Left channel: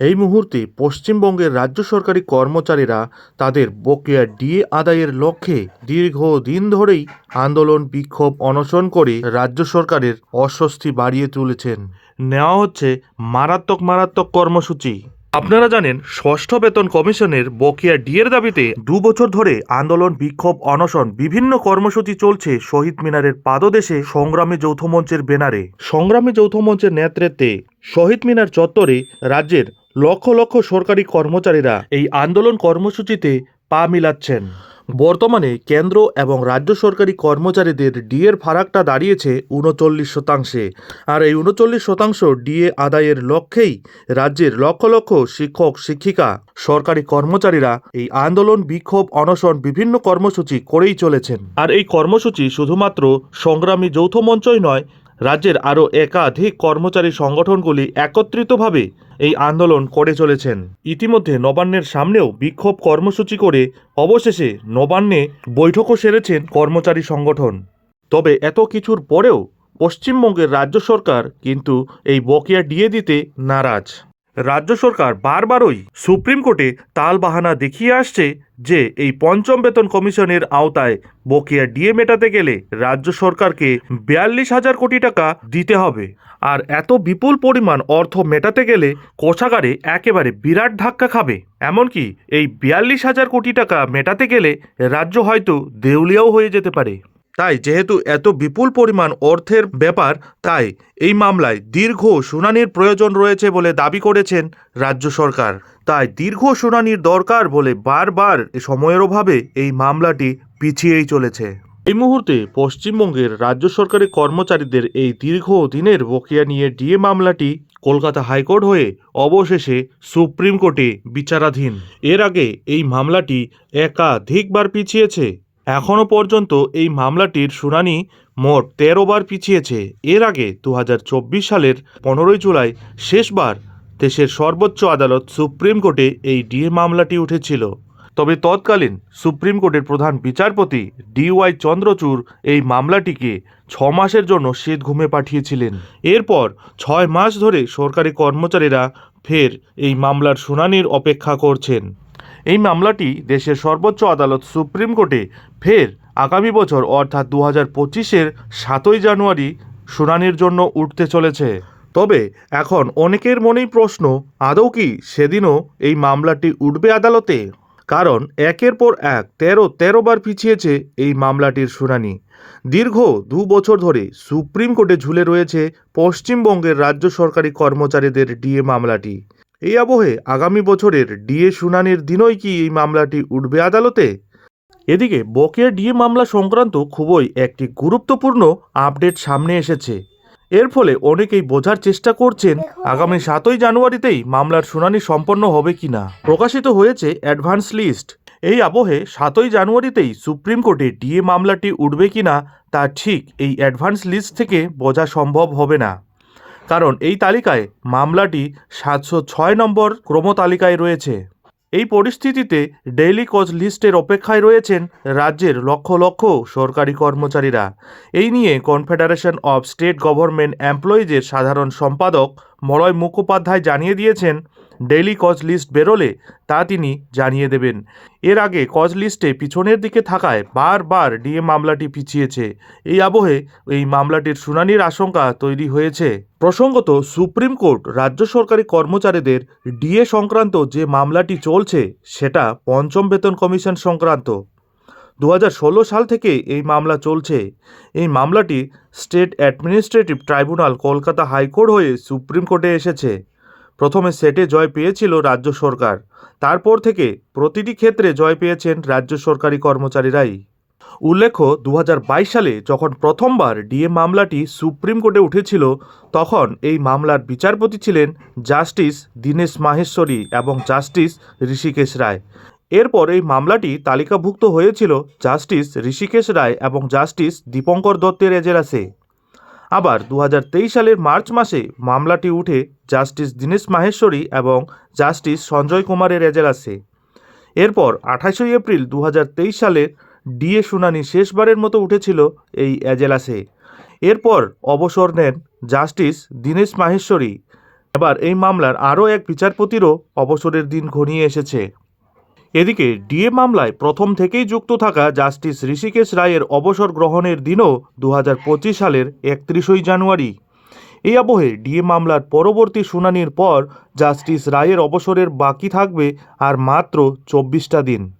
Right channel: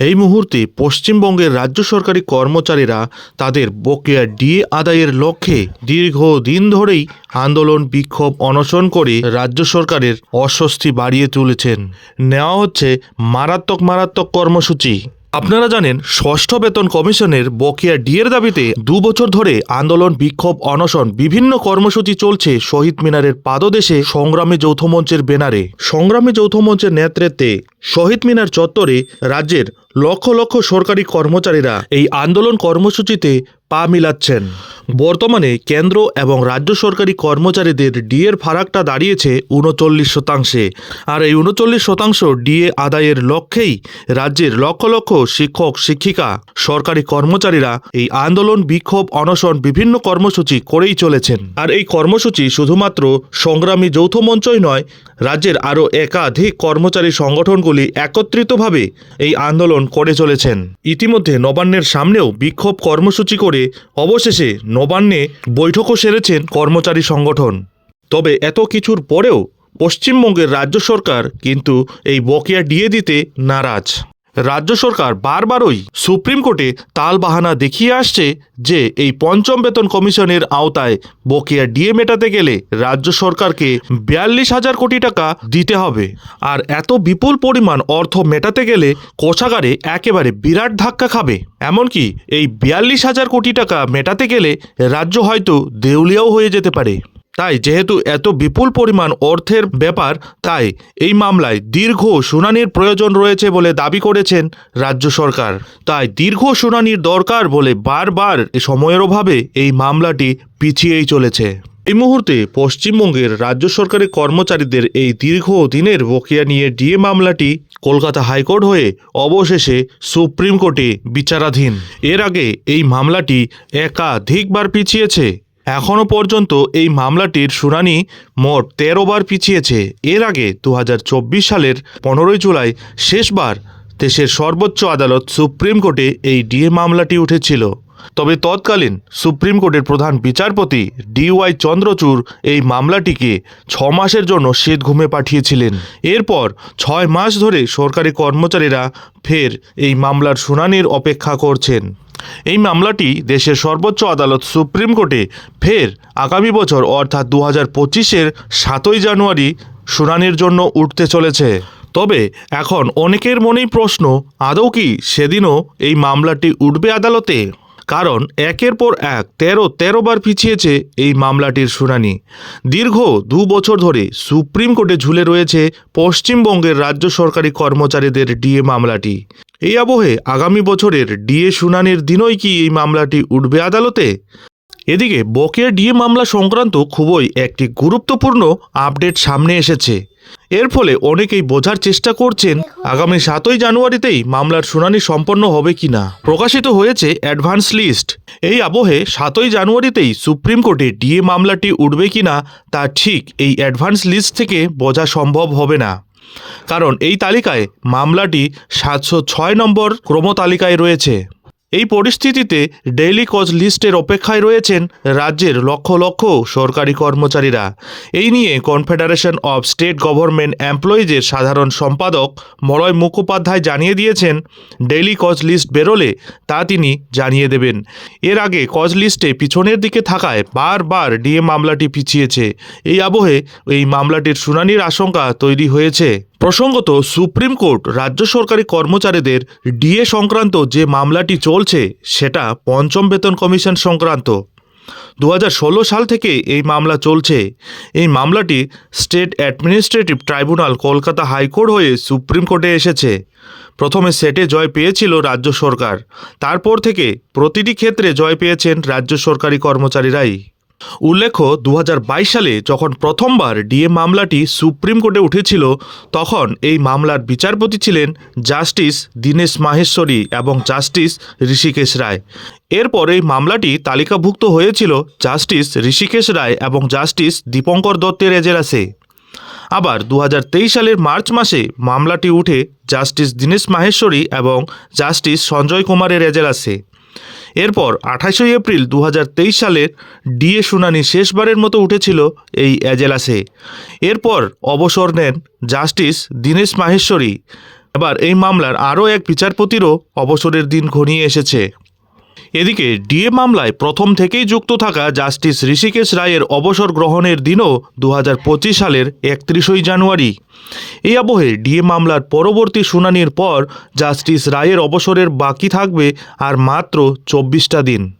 এই মুহূর্তে পশ্চিমবঙ্গের রাজ্য সরকারি কর্মচারীরা তাদের বকেয়া ডিএ আদায়ের লক্ষ্যে দীর্ঘদিন ধরেই আন্দোলন, বিক্ষোভ, অনশন করে রাজ্য সরকারের অস্বস্তি বাড়িয়ে তুলেছেন। নেওয়া হচ্ছে মারাত্মক মারাত্মক কর্মসূচি। আপনারা জানেন, ষষ্ঠ বেতন কমিশনের বকেয়া ডিএর দাবিতে দু বছর ধরে আন্দোলন, বিক্ষোভ, অনশন বিভিন্ন কর্মসূচি চলছে শহীদ মিনারের পাদদেশে সংগ্রামী যৌথ মঞ্চের সংগ্রামী যৌথ মঞ্চের নেতৃত্বে শহীদ মিনার চত্বরে রাজ্যের লক্ষ লক্ষ সরকারি কর্মচারীরা এই আন্দোলন কর্মসূচিতে পা মিলাচ্ছেন। বর্তমানে কেন্দ্র এবং রাজ্য সরকারি কর্মচারীদের ডিএর ফারাকটা দাঁড়িয়েছে উনচল্লিশ শতাংশে। আর এই উনচল্লিশ শতাংশ ডিএ আদায়ের লক্ষ্যেই রাজ্যের লক্ষ লক্ষ শিক্ষক, শিক্ষিকা, সরকারি কর্মচারীরা এই আন্দোলন, বিক্ষোভ, অনশন বিভিন্ন কর্মসূচি করেই চলেছেন। আর এই কর্মসূচি শুধুমাত্র সংগ্রামী যৌথ মঞ্চই নয় রাজ্যের আরও একাধিক কর্মচারী সংগঠনগুলি একত্রিতভাবে এই আন্দোলন করে চলেছেন। ইতিমধ্যে নবান্নের সামনেও বিক্ষোভ কর্মসূচি করে অবশেষে নবান্নে বৈঠকও সেরেছেন কর্মচারী সংগঠন। তবে এত কিছুর পরেও পশ্চিমবঙ্গের রাজ্য সরকার কিন্তু এই বকেয়া ডিএ দিতে নারাজ। রাজ্য সরকার বারবারই সুপ্রিম কোর্টে তালবাহানা দেখিয়ে আসছে যে এই পঞ্চম বেতন কমিশনের আওতায় বকেয়া ডিএ মেটাতে গেলে রাজ্য সরকারকে বিয়াল্লিশ হাজার কোটি টাকা দিতে হবে। আর এত বিপুল পরিমাণ অর্থ মেটাতে গেলে কোষাগারে একেবারে বিরাট ধাক্কা খাবে। এমনকি এই বিয়াল্লিশ হাজার কোটি টাকা মেটাতে গেলে রাজ্য হয়তো দেউলিয়াও হয়ে যেতে পারে। তাই যেহেতু এত বিপুল পরিমাণ অর্থের ব্যাপার, তাই এই মামলায় দীর্ঘ শুনানির প্রয়োজন রয়েছে বলে দাবি করেছেন রাজ্য সরকার। তাই দীর্ঘ শুনানির দরকার বলে বারবার সময়ের অভাবে এই মামলাটি পিছিয়েই চলেছে। এই মুহূর্তে পশ্চিমবঙ্গের রাজ্য সরকারি কর্মচারীদের এই দীর্ঘ দিনের বকেয়া নিয়ে ডিএ মামলাটি কলকাতা হাইকোর্ট হয়ে অবশেষে সুপ্রিম কোর্টে বিচারাধীন। এর আগে এই মামলাটি একাধিকবার পিছিয়েছে এখনও পর্যন্ত এই মামলাটির শুনানি মোট তেরো বার পিছিয়েছে। এর আগে দু হাজার চব্বিশ সালের পনেরোই জুলাই শেষবার দেশের সর্বোচ্চ আদালত সুপ্রিম কোর্টে এই ডিএ মামলাটি উঠেছিল। তবে তৎকালীন সুপ্রিম কোর্টের প্রধান বিচারপতি ডিওয়াই চন্দ্রচূড় এই মামলাটিকে ছ মাসের জন্য শীত ঘুমে পাঠিয়েছিলেন। এরপর ছয় মাস ধরে সরকারি কর্মচারীরা ফের এই মামলার শুনানির অপেক্ষা করছেন। এই মামলাটি দেশের সর্বোচ্চ আদালত সুপ্রিম কোর্টে ফের আগামী বছর, অর্থাৎ দু হাজার পঁচিশের সাতই জানুয়ারি, শুনানির জন্য উঠতে চলেছে। তবে এখন অনেকের মনেই প্রশ্ন, আদৌ কি সেদিনও এই মামলাটি উঠবে আদালতে? কারণ একের পর এক তেরো তেরো বার পিছিয়েছে এই মামলাটির শুনানি। দীর্ঘ দু বছর ধরে সুপ্রিম কোর্টে ঝুলে রয়েছে পশ্চিমবঙ্গের রাজ্য সরকারি কর্মচারীদের ডিএ মামলাটি। এই আবহে আগামী বছরের ডিএ শুনানির দিনই কি এই মামলাটি উঠবে আদালতে? এদিকে বকেয়া ডিএ মামলা সংক্রান্ত খুবই একটি গুরুত্বপূর্ণ আপডেট সামনে এসেছে। এর ফলে অনেকেই বোঝার চেষ্টা করছেন, আগামী সাতই জানুয়ারিতেই মামলার শুনানি সম্পন্ন হবে কিনা। প্রকাশিত হয়েছে অ্যাডভান্স লিস্ট। এই আবহে সাতই জানুয়ারিতেই সুপ্রিম কোর্টে ডিএ মামলাটি উঠবে কিনা, তা ঠিক এই অ্যাডভান্স লিস্ট থেকে বোঝা সম্ভব হবে না। কারণ এই তালিকায় মামলাটি সাতশো ছয় নম্বর ক্রমতালিকায় রয়েছে। এই পরিস্থিতিতে ডেইলি কজ লিস্টের অপেক্ষায় রয়েছেন রাজ্যের লক্ষ লক্ষ সরকারি কর্মচারীরা। এই নিয়ে কনফেডারেশন অব স্টেট গভর্নমেন্ট এমপ্লয়িজের সাধারণ সম্পাদক মলয় মুখোপাধ্যায় জানিয়ে দিয়েছেন ডেইলি কজ লিস্ট বেরোলে তা তিনি জানিয়ে দেবেন। এর আগে কজ লিস্টে পিছনের দিকে থাকায় বারবার ডিএ মামলাটি পিছিয়েছে। এই আবহে এই মামলাটির শুনানির আশঙ্কা তৈরি হয়েছে। প্রসঙ্গত, সুপ্রিম কোর্ট রাজ্য সরকারি কর্মচারীদের ডিএ সংক্রান্ত যে মামলাটি চলছে, সেটা পঞ্চম বেতন কমিশন সংক্রান্ত। দু হাজার ষোলো সাল থেকে এই মামলা চলছে। এই মামলাটি state administrative tribunal Kolkata high court হয়ে সুপ্রিম কোর্টে এসেছে। প্রথমে সেটে জয় পেয়েছিল রাজ্য সরকার। তারপর থেকে প্রতিটি ক্ষেত্রে জয় পেয়েছেন রাজ্য সরকারি কর্মচারীরাই। উল্লেখ্য দু হাজার বাইশ সালে যখন প্রথমবার ডিএ মামলাটি সুপ্রিম কোর্টে উঠেছিল, তখন এই মামলার বিচারপতি ছিলেন জাস্টিস দীনেশ মাহেশ্বরী এবং জাস্টিস ঋষিকেশ রায়। এরপর এই মামলাটি তালিকাভুক্ত হয়েছিল জাস্টিস ঋষিকেশ রায় এবং জাস্টিস দীপঙ্কর দত্তের এজেলাসে। আবার দু হাজার তেইশ সালের মার্চ মাসে মামলাটি উঠে জাস্টিস দীনেশ মাহেশ্বরী এবং জাস্টিস সঞ্জয় কুমারের এজেলাসে। এরপর আঠাশই এপ্রিল দু হাজার তেইশ সালের ডিএ শুনানি শেষবারের মতো উঠেছিল এই এজেলাসে এরপর অবসর নেন জাস্টিস দীনেশ মাহেশ্বরী। এবার এই মামলার আরও এক বিচারপতিরও অবসরের দিন ঘনিয়ে এসেছে। এদিকে ডিএ মামলায় প্রথম থেকেই যুক্ত থাকা জাস্টিস ঋষিকেশ রায়ের অবসর গ্রহণের দিনও দু হাজার পঁচিশ সালের একত্রিশই জানুয়ারি। এই আবহে ডিএ মামলার পরবর্তী শুনানির পর জাস্টিস রায়ের অবসরের বাকি থাকবে আর মাত্র চব্বিশটা দিন।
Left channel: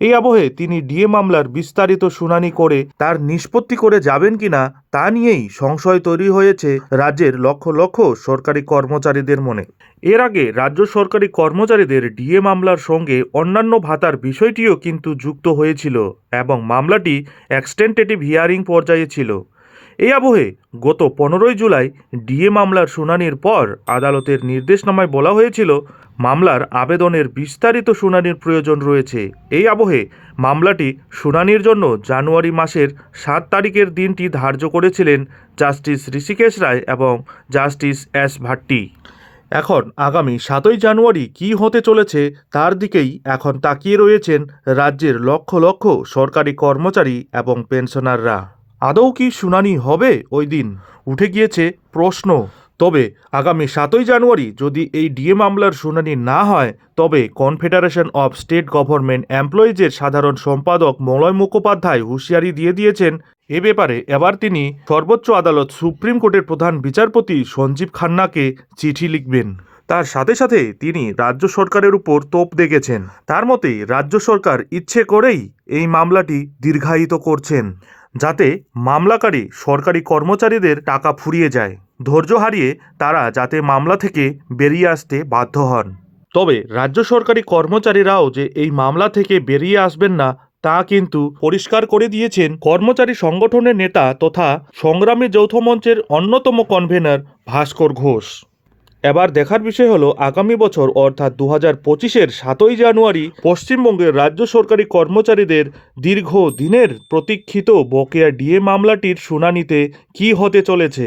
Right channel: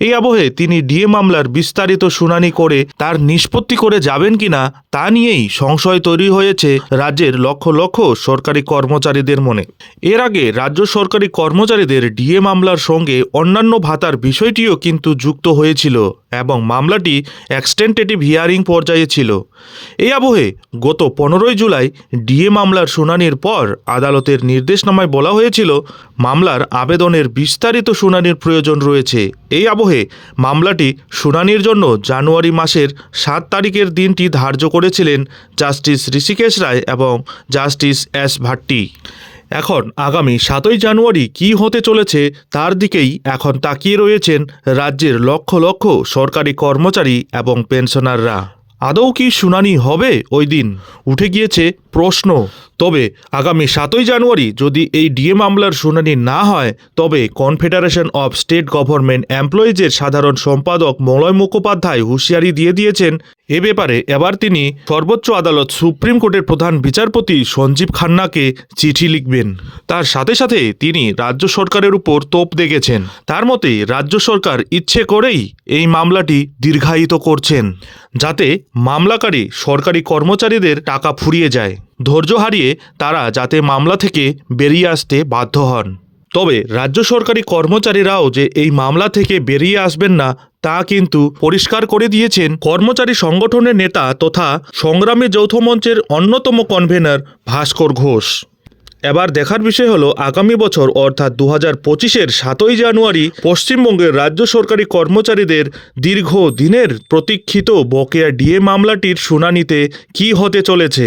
এই আবহে তিনি ডিএ মামলার বিস্তারিত শুনানি করে তার নিষ্পত্তি করে যাবেন কিনা তা নিয়েই সংশয় তৈরি হয়েছে রাজ্যের লক্ষ লক্ষ সরকারি কর্মচারীদের মনে। এর আগে রাজ্য সরকারি কর্মচারীদের ডিএ মামলার সঙ্গে অন্যান্য ভাতার বিষয়টিও কিন্তু যুক্ত হয়েছিল। এবং মামলাটি এক্সটেন্টেটিভ হিয়ারিং পর্যায়ে ছিল। এই আবহে গত পনেরোই জুলাই ডিএ মামলার শুনানির পর আদালতের নির্দেশনামায় বলা হয়েছিল, মামলার আবেদনের বিস্তারিত শুনানির প্রয়োজন রয়েছে। এই আবহে মামলাটি শুনানির জন্য জানুয়ারি মাসের সাত তারিখের দিনটি ধার্য করেছিলেন জাস্টিস ঋষিকেশ রায় এবং জাস্টিস এস ভাট্টি। এখন আগামী সাতই জানুয়ারি কি হতে চলেছে তার দিকেই এখন তাকিয়ে রয়েছেন রাজ্যের লক্ষ লক্ষ সরকারি কর্মচারী এবং পেনশনাররা। আদৌ কি শুনানি হবে ওই দিন? উঠে গিয়েছে প্রশ্ন, তবে আগামী সাতই জানুয়ারি যদি এই ডিএ মামলার শুনানি না হয়, তবে কনফেডারেশন অব স্টেট গভর্নমেন্ট এমপ্লয়িজের সাধারণ সম্পাদক মলয় মুখোপাধ্যায় হুঁশিয়ারি দিয়ে দিয়েছেন। এ ব্যাপারে এবার তিনি সর্বোচ্চ আদালত সুপ্রিম কোর্টের প্রধান বিচারপতি সঞ্জীব খান্নাকে চিঠি লিখবেন। তার সাথে সাথে তিনি রাজ্য সরকারের উপর তোপ দেখেছেন। তার মতে, রাজ্য সরকার ইচ্ছে করেই এই মামলাটি দীর্ঘায়িত করছেন, যাতে মামলাকারী সরকারি কর্মচারীদের টাকা ফুরিয়ে যায়। ধৈর্য হারিয়ে তারা যাতে মামলা থেকে বেরিয়ে আসতে বাধ্য হন। তবে রাজ্য সরকারি কর্মচারীরাও যে এই মামলা থেকে বেরিয়ে আসবেন না, তা কিন্তু পরিষ্কার করে দিয়েছেন কর্মচারী সংগঠনের নেতা তথা সংগ্রামী যৌথ মঞ্চের অন্যতম কনভেনর ভাস্কর ঘোষ। এবার দেখার বিষয় হলো, আগামী বছর অর্থাৎ দু হাজার পঁচিশের সাতই জানুয়ারি পশ্চিমবঙ্গের রাজ্য সরকারি কর্মচারীদের দীর্ঘ দিনের প্রতীক্ষিত বকেয়া ডিএ মামলাটির শুনানিতে কি হতে চলেছে?